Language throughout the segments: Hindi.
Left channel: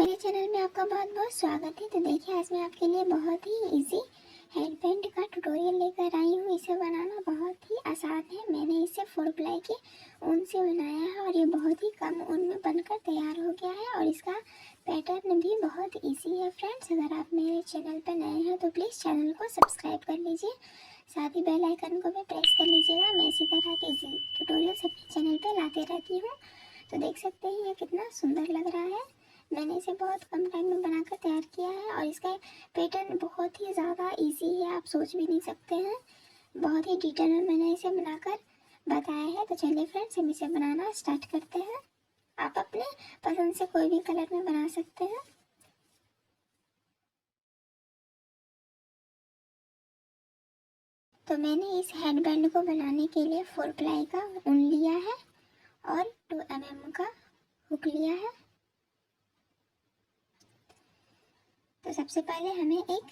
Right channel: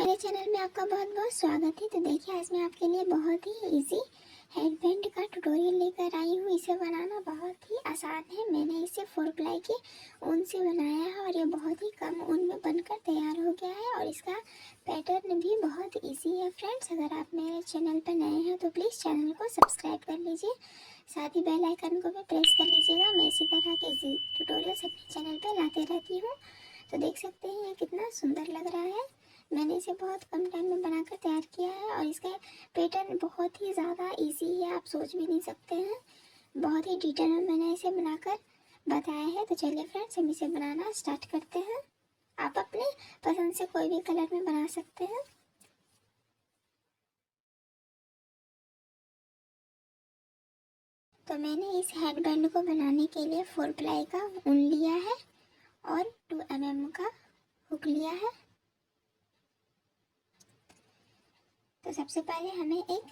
मेरे चैनल में आपका बहुत बहुत स्वागत है। तो देखिए, आज मैं आपके लिए बहुत ही इजी हेडबैंड का ट्यूटोरियल लेकर आई हूँ। इसे बनाना बहुत ही आसान है। मैंने इसे 4 प्लाई के ऊन से बनाया है और ये बहुत ही कम ऊन में बनकर तैयार हो गया है और इसका पैटर्न भी बहुत इजी है। फ्रेंड्स, अगर आप मेरे चैनल पर नए हैं तो प्लीज़ चैनल को सब्सक्राइब कर लीजिए, साथ ही बेल आइकन को भी प्रेस कर लीजिएगा। मैं इसी तरह के इजी ट्यूटोरियल्स अपने चैनल पर लाते रहती हूँ। तो देख सकते हैं ये कितना सुंदर लग रहा है। मैंने इसे बहुत कम टाइम में बनाकर तैयार किया है और इसका पैटर्न बहुत ही ज़्यादा इजी है, आप सोच भी नहीं सकते हैं। बहुत ही डिटेल में मैंने इसे बनाकर बताया है। तो चलिए फ्रेंड्स, हम इसे बनाना स्टार्ट करते हैं। आप अपने पसंद से कोई भी कलर में बना सकते हैं। तो मैंने इस हेडबैंड को बनाने के लिए 4 प्लाई का ऊन लिया है और 2 mm का हुक लिया है। तो सबसे पहले हमें एक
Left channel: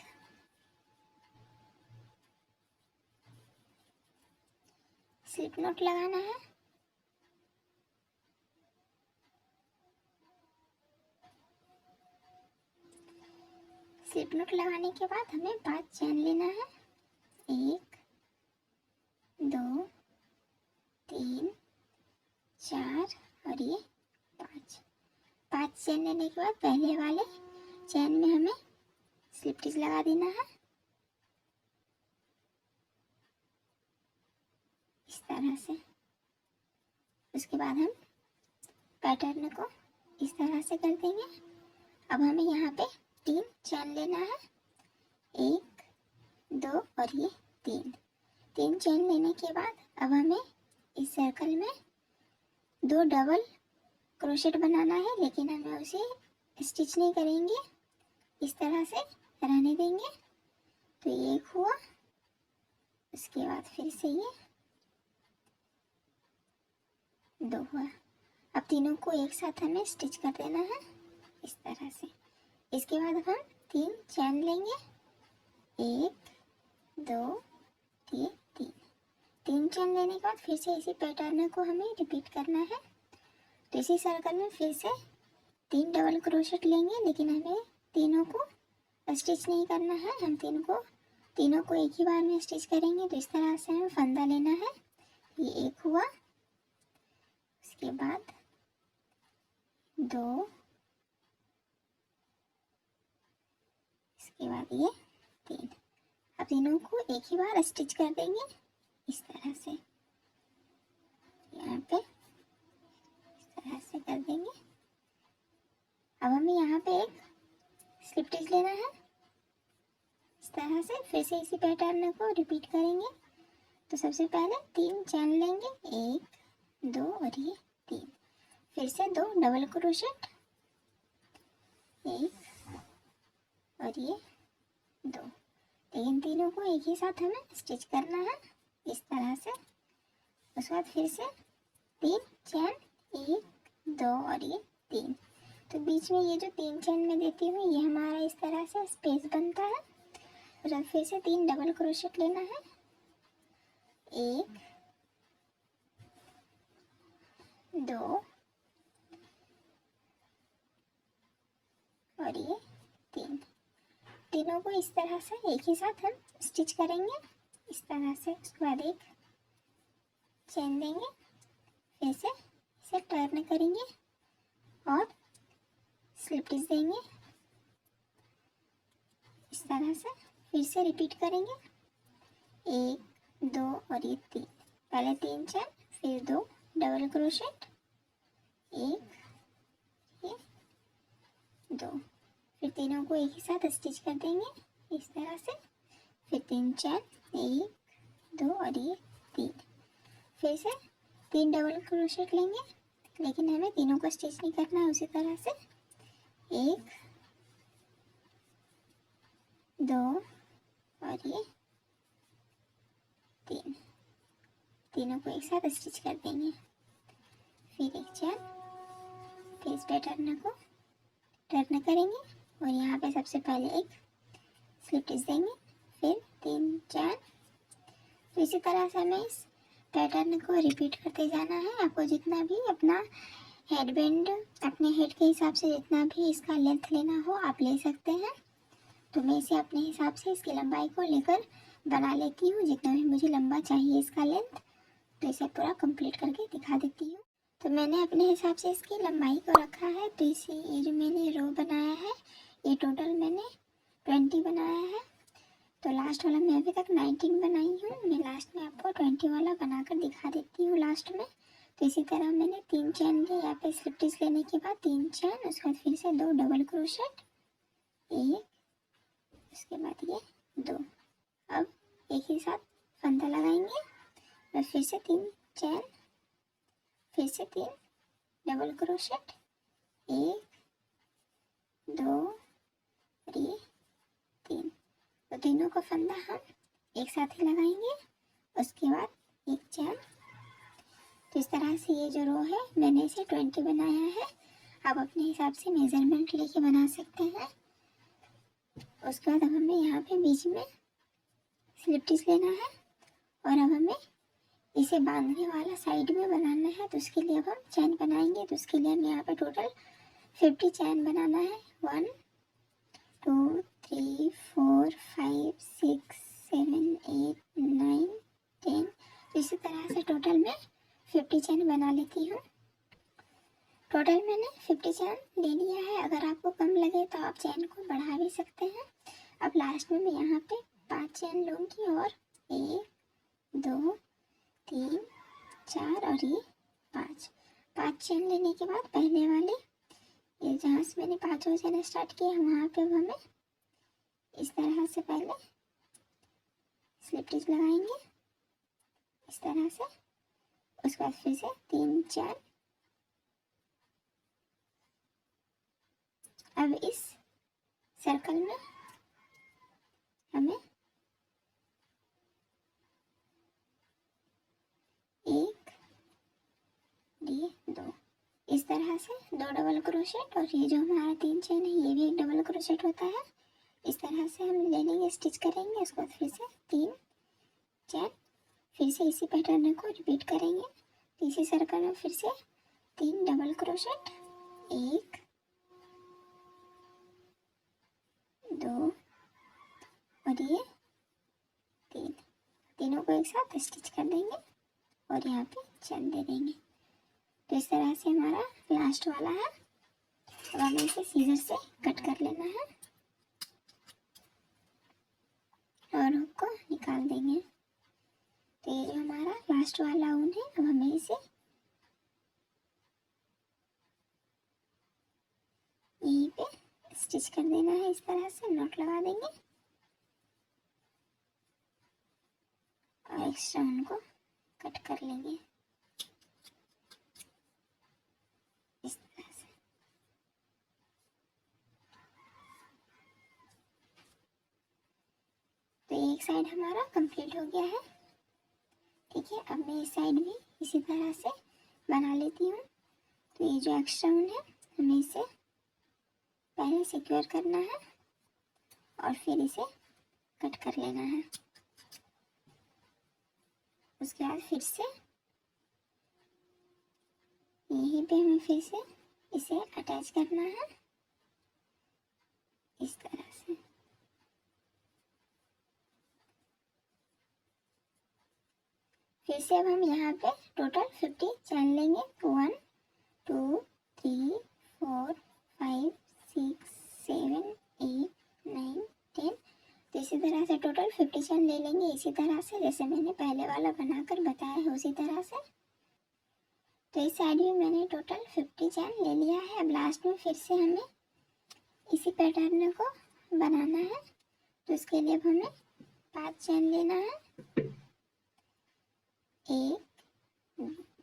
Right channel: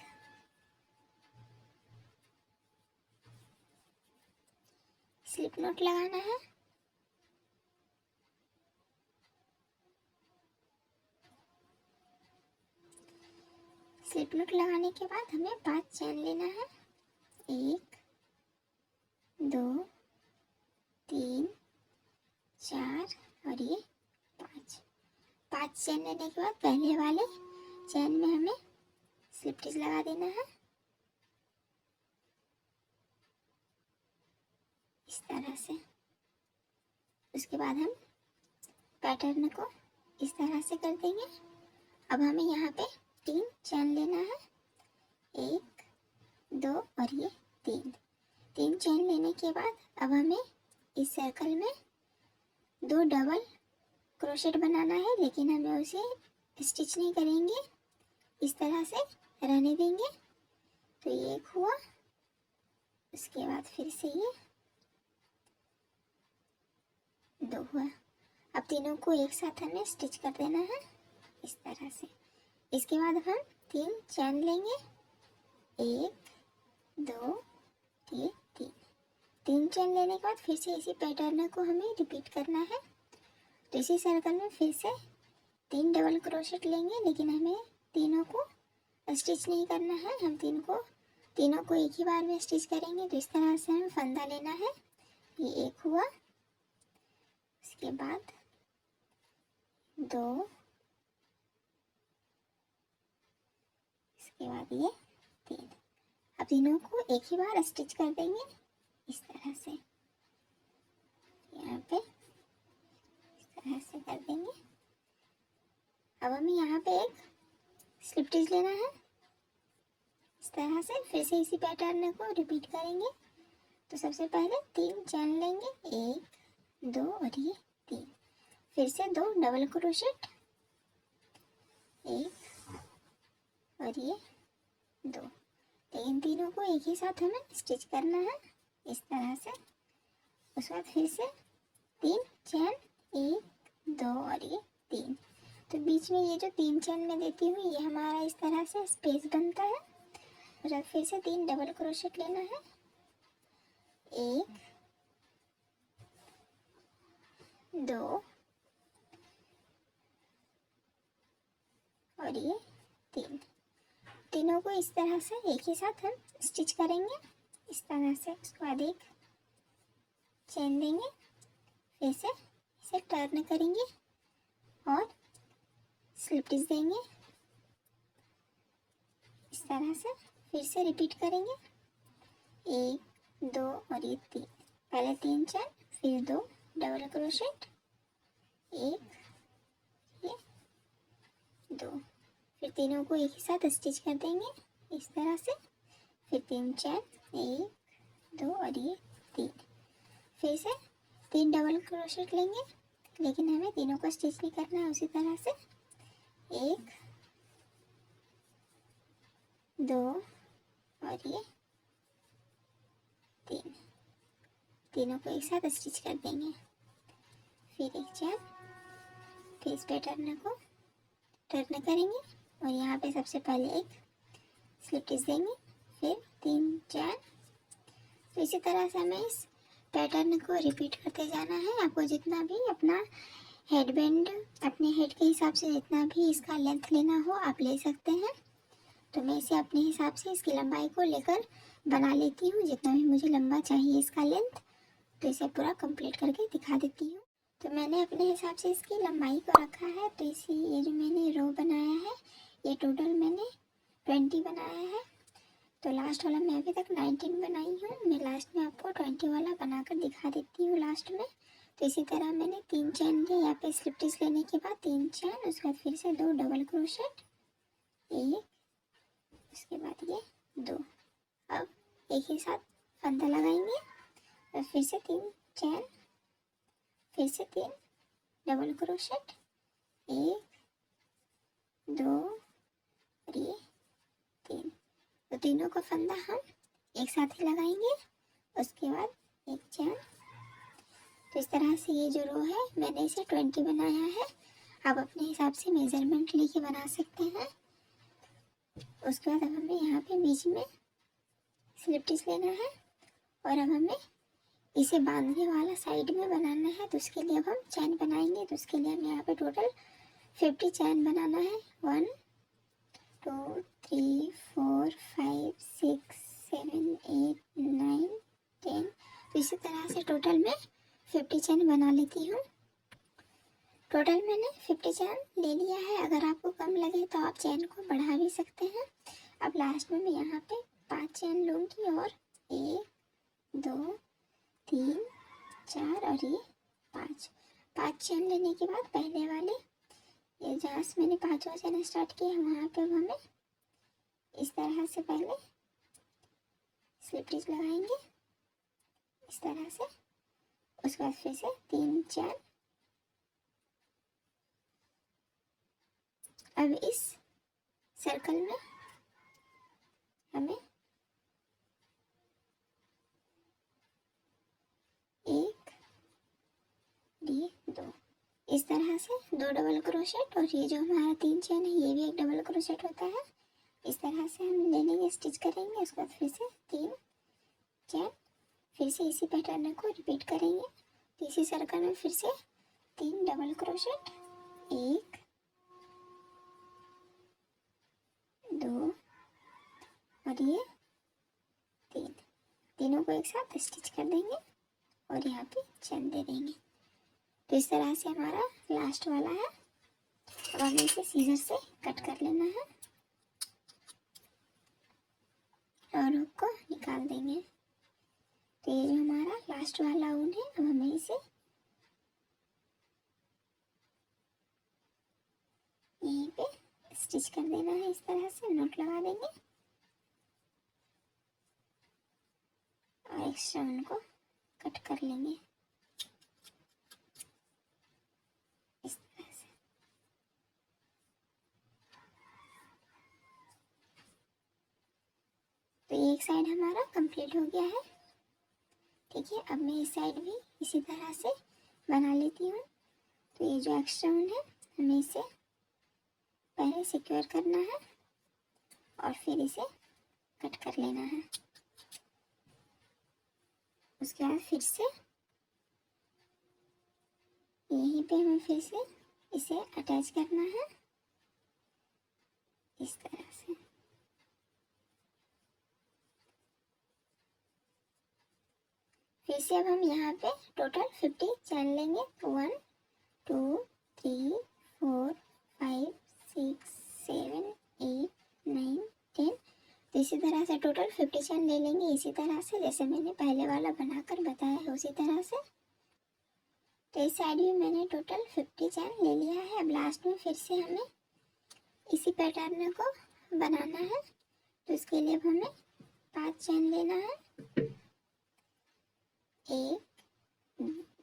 स्लिप नॉट लगाना है। स्लिप नॉट लगाने के बाद हमें 5 चेन लेना है। 1 2 3 4 और ये 5 चेन लेने के बाद पहले वाले चेन में हमें स्लिप स्टिच लगा देना है इस तरह से। उसके बाद हम पैटर्न को इस तरह से कर देंगे। अब हमें यहाँ पे 3 चेन लेना है। 1 2 और ये 3 चेन लेने के बाद अब हमें इस सर्कल में 2 डबल क्रोशेट बनाना है, लेकिन हमें उसे स्टिच नहीं करेंगे, इस तरह से रहने देंगे। तो ये एक हुआ। उसके बाद फिर से ये 2 हुआ। अब तीनों को एक साथ हमें स्टिच कर देना है इस तरह से। इसके बाद हम 3 चेन लेंगे। 1 2 3 चेन लेने के बाद फिर से इसी पैटर्न को हमें रिपीट करना है। तो इसी सर्कल में फिर से 3 डबल क्रोशेट लेंगे, लेकिन हमें तीनों को स्टिच नहीं करना है। हम तीनों को एक ही बार में स्टिच करेंगे। तो इस तरह से हमें फंदा लेना है। ये एक हुआ। उसके बाद 2, इसके बाद ये 3। अब तीनों को एक ही बार स्टिच कर देंगे इस तरह से। यहाँ पे इस तरह से कर देंगे। अब हमें यहाँ पे एक स्लिप स्टिच लेना है इस तरह से। फिर से इसी पैटर्न को रिपीट करेंगे। तो सबसे पहले 3 चेन लेंगे। 1 2 और ये 3। फिर से 2 डबल क्रोशेट, 1 और ये 2। लेकिन तीनों को एक ही साथ हमें स्टिच करना है इस तरह से। उसके बाद फिर से 3 चेन, 1 2 और ये 3। तो बीच में ये जो 3 चेन में देती हूँ, ये हमारा इस तरह से स्पेस बनता है। और फिर से 3 डबल क्रोशेट लेना है। 1 2 और ये 3। तीनों को इस तरह से एक ही साथ हम स्टिच करेंगे इस तरह से। उसके बाद एक चेन देंगे, फिर से इसे टर्न करेंगे और स्लिप स्टिच देंगे इस तरह से। फिर से रिपीट करेंगे। 1 2 और ये 3। पहले 3 चेन, फिर 2 डबल क्रोशेट, 1 ये 2। फिर तीनों को एक ही साथ स्टिच कर देंगे इस तरह से। फिर 3 चेन, 1 2 और ये 3। फिर से 3 डबल क्रोशेट लेंगे, लेकिन हमें तीनों को स्टिच नहीं करना है। उसी तरह से 1 2 और ये 3। तीनों को एक साथ स्टिच कर देंगे। फिर एक चेन, फिर इस पैटर्न को टर्न करेंगे और यहाँ पे सबसे पहले एक स्लिप स्टिच देंगे, फिर 3 चेन। तो इसी तरह से हमें इस पैटर्न को रिपीट करते जाना है। आपको जितना भी अपना हेड बैंड अपने हेड के हिसाब से जितना भी इसका लेंथ लेना हो आप ले सकते हैं। तो मैं इसे अपने हिसाब से इसकी लंबाई को लेकर बना लेती हूँ, जितना भी मुझे लंबा चाहिए इसका लेंथ। तो इसे पूरा कंप्लीट करके दिखा देती हूँ। तो मैंने अपने हिसाब से इसकी लंबाई को रखा है। तो इसे ये जो मैंने रो बनाया है ये टोटल मैंने 20 बनाया है। तो लास्ट वाला मैं अभी तक 19 बनाई हूँ। मैं लास्ट में आपको 20 वाला बनाकर दिखा देती हूँ लास्ट में। तो इसी तरह मैंने 3 चैन लिए यहाँ पे स्लिप स्टिच लेने के बाद 3 चैन, उसके बाद फिर से 2 डबल क्रोशेट, एक, उसके बाद ये 2। अब एक ही साथ फंदा लगाएंगे और फिर से 3 चैन, फिर से 3 डबल क्रोशेट, 1, 2 और ये 3। तो तीनों का फंदा हम एक साथ ही लगाएंगे। उसके बाद एक चैन। तो इस तरह से ये जो रो है मैंने इसे 20 बनाया है। आप अपने हिसाब से मेजरमेंट लेके बना सकते हैं। उसके बाद अब हमें यहाँ पे बीच में स्लिप स्टिच लेना है और अब हमें इसे बांधने वाला साइड में बनाना है। तो उसके लिए अब हम चैन बनाएंगे। तो उसके लिए हमें यहाँ पे टोटल 50 चैन बनाना है। 1 2 3 4 5 6 7 8 9 10। तो इसी तरह से टोटल मैं 50 चैन बना लेती हूँ। टोटल मैंने 50 चैन ले लिया है। अगर आपको कम लगे तो आप चैन को बढ़ा भी सकते हैं। अब लास्ट में मैं यहाँ पे 5 चैन लूँगी और 1 2 3 4 और ये 5 चैन लेने के बाद पहले वाले ये जहाँ से मैंने 5वां चैन स्टार्ट किया है वहाँ पे हमें इस तरह से पहले स्लिप स्टिच लगाएंगे इस तरह से। उसके बाद फिर से 3 चैन। अब इस सर्कल में हमें 1 ये 2 इस तरह से 2 डबल क्रोशेट और ये जो हमारा 3 चैन है ये भी एक डबल क्रोशेट होता है। इस तरह से हम ले लेंगे, स्टिच करेंगे। उसके बाद फिर से 3 चैन, फिर से इसी पैटर्न को रिपीट करेंगे। तो इसी सर्कल में फिर से 3 डबल क्रोशेट, 1 2 और ये 3। तीनों को एक साथ स्टिच कर देंगे और यहाँ पे चैन दे देंगे। तो इस तरह से हमारा लास्ट वाला है। अब हमें इसे सीजर से कट कर लेना है और हुक को निकाल देंगे। तो ये जो हमारा लास्ट वाला ऊन है अब हमें इसे यहीं पे स्टिच कर देना है। इस तरह से नॉट लगा देंगे और एक्स्ट्रा ऊन को कट कर लेंगे इस तरह से। तो एक साइड हमारा कंप्लीट हो गया है। ठीक है, अब मैं इस साइड भी इसी तरह से बना लेती हूँ। तो ये जो एक्स्ट्रा ऊन है हमें इसे पहले सिक्योर करना है और फिर इसे कट कर लेना है। उसके बाद फिर से यहीं पे हमें फिर से इसे अटैच करना है इस तरह से। फिर से अब हम यहाँ पे टोटल 50 चैन लेंगे। 1 2 3 4 5 6 7 8 9 10। तो इसी तरह से टोटल 50 चैन ले लेंगे इसी तरह से जैसे मैंने पहले वाला बनाकर बताया है उसी तरह से। तो इस साइड भी मैंने टोटल 50 चैन ले लिया है। अब लास्ट में फिर से हमें इसी पैटर्न को बनाना है। तो इसके लिए अब हमें 5 चैन लेना है। 1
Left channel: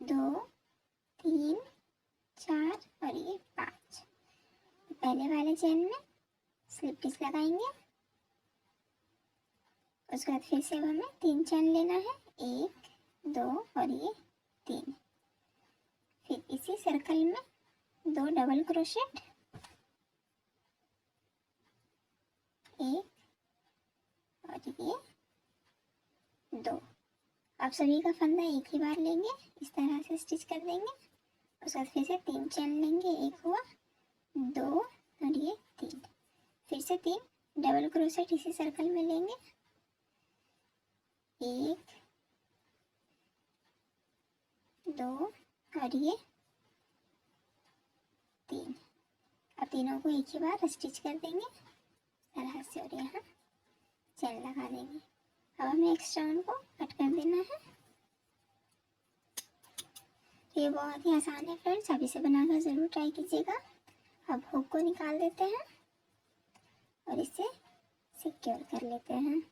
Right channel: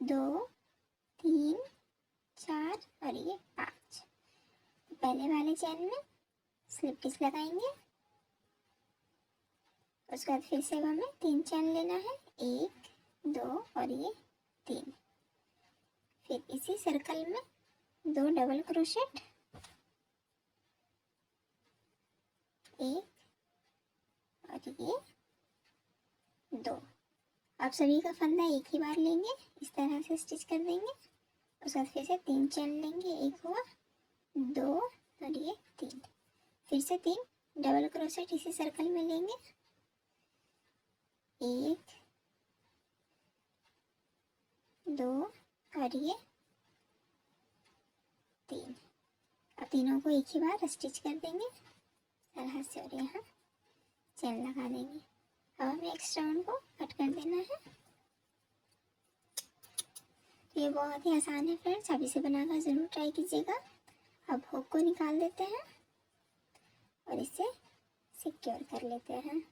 2 3 4 और ये 5। पहले वाले चैन में स्लिप स्टिच लगाएंगे। उसके बाद फिर से हमें 3 चैन लेना है। 1 2 और ये 3। फिर इसी सर्कल में 2 डबल क्रोशेट, 1 और ये 2। अब सभी का फंदा एक ही बार लेंगे इस तरह से स्टिच कर देंगे उसके बाद फिर से 3 चेन लेंगे, एक हुआ, 2 और ये 3, फिर से 3 डबल क्रोशेट इसी सर्कल में लेंगे, 1 2 और ये 3। अब तीनों को एक ही बार स्टिच कर देंगे तरह से और यहाँ चेन लगा देंगे। अब हमें एक्स्ट्रा को कट कर देना है। ये बहुत ही आसान है फ्रेंड्स, आप इसे बनाकर ज़रूर ट्राई कीजिएगा। अब हुक को निकाल देते हैं और इसे सिक्योर कर लेते हैं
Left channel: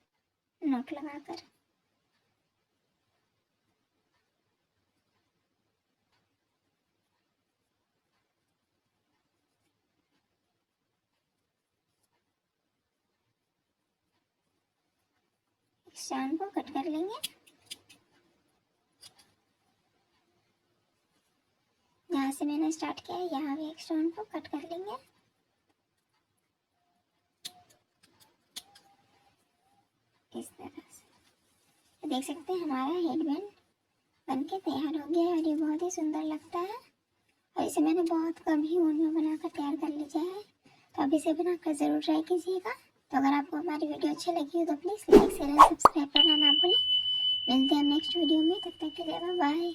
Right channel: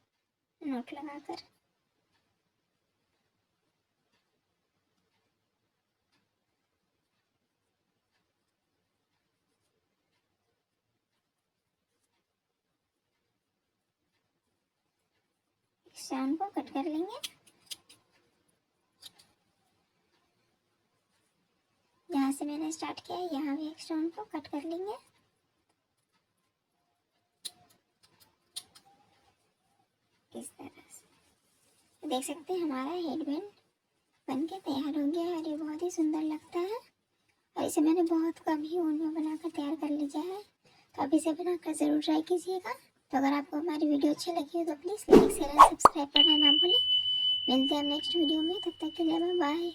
नॉट लगाकर। स्टैंड को कट कर लेंगे। जहाँ से मैंने स्टार्ट किया है यहाँ भी एक स्टैंड को कट कर लेंगे। इस तरह से देख सकते हैं हमारा हेडबैंड बनके तैयार हो गया है और ये बहुत ही सुंदर लगता है। और इसे मैंने बहुत कम ही ऊन में बनाकर तैयार कर लिया है, तो आप इसे बनाकर ज़रूर ट्राई कीजिएगा। तो अगर आपको हमारी वीडियो अच्छी लगी हो तो please like share and subscribe करना ना भूलें। मिलते हैं नेक्स्ट वीडियो में, तब तक के लिए बाय।